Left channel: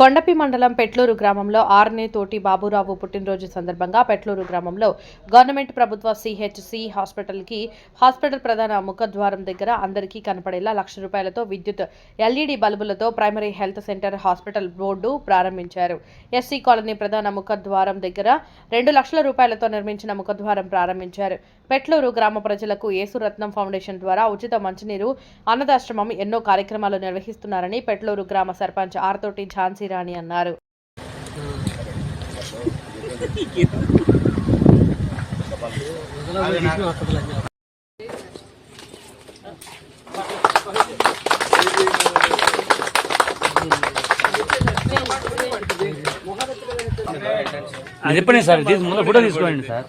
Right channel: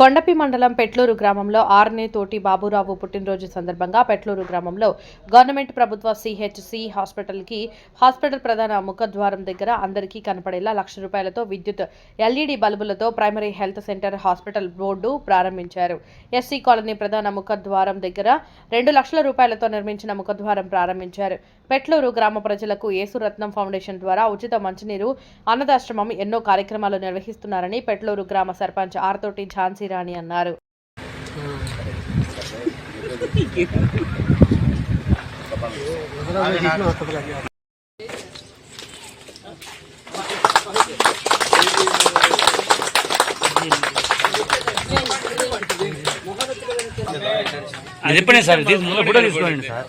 కొండపి మండలం పెట్లూరు గ్రామంలో ఆర్నే తోటి బాబురావు పుట్టినరోజు సందర్భంగా పెట్లూరు గ్రామంలో గవర్నమెంట్ ప్రభుత్వ సిహెచ్సి హాస్పిటల్కి హాస్పిటల్ ప్రధాన ముఖద్వారం దగ్గర అందరికీ కనపడేలా లక్ష రూపాయలతో విద్యుత్ LED బల్బులతో primary health centre hospital board ప్రారంభించారు. ఎస్సీ కాలనీ ప్రధాన ముఖద్వారం దగ్గర రెండు లక్షల రూపాయలతో నిర్మించిన ముఖద్వారం ప్రారంభించారు. పెట్లూరు గ్రామ ప్రజలకు ఏసురత్నం ఫౌండేషన్ ద్వారా ఉచిత మంచినీరు అన్నదాశ్రమం ఎన్నో కార్యక్రమాలు నిర్వహిస్తున్నారని పెట్లూరు గ్రామ సర్పంచ్ ఆర్తోటి ఝాన్సీ రాణి అన్నారు. అది ఎప్పుడే సార్ ఫోటో తీసుకోండి సార్.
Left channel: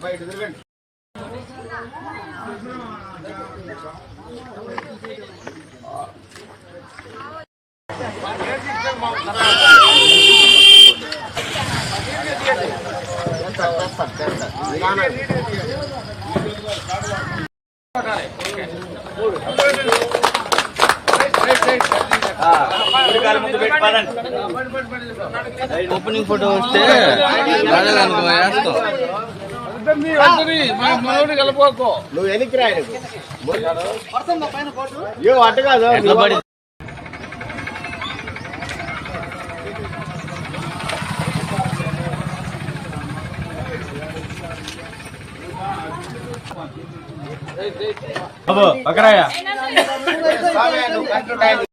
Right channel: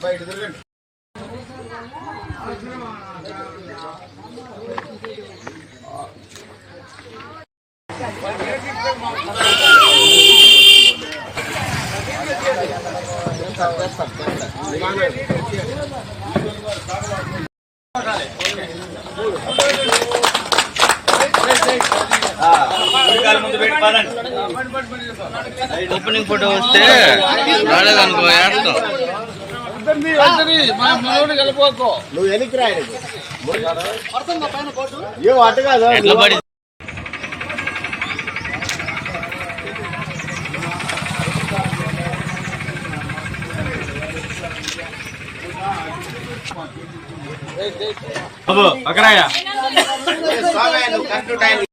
ఓపెనింగ్ ఫోటో వస్తే నువ్వు రాయలేదు. ఏ అట్ట కాదు ఎట్లా అక్కడ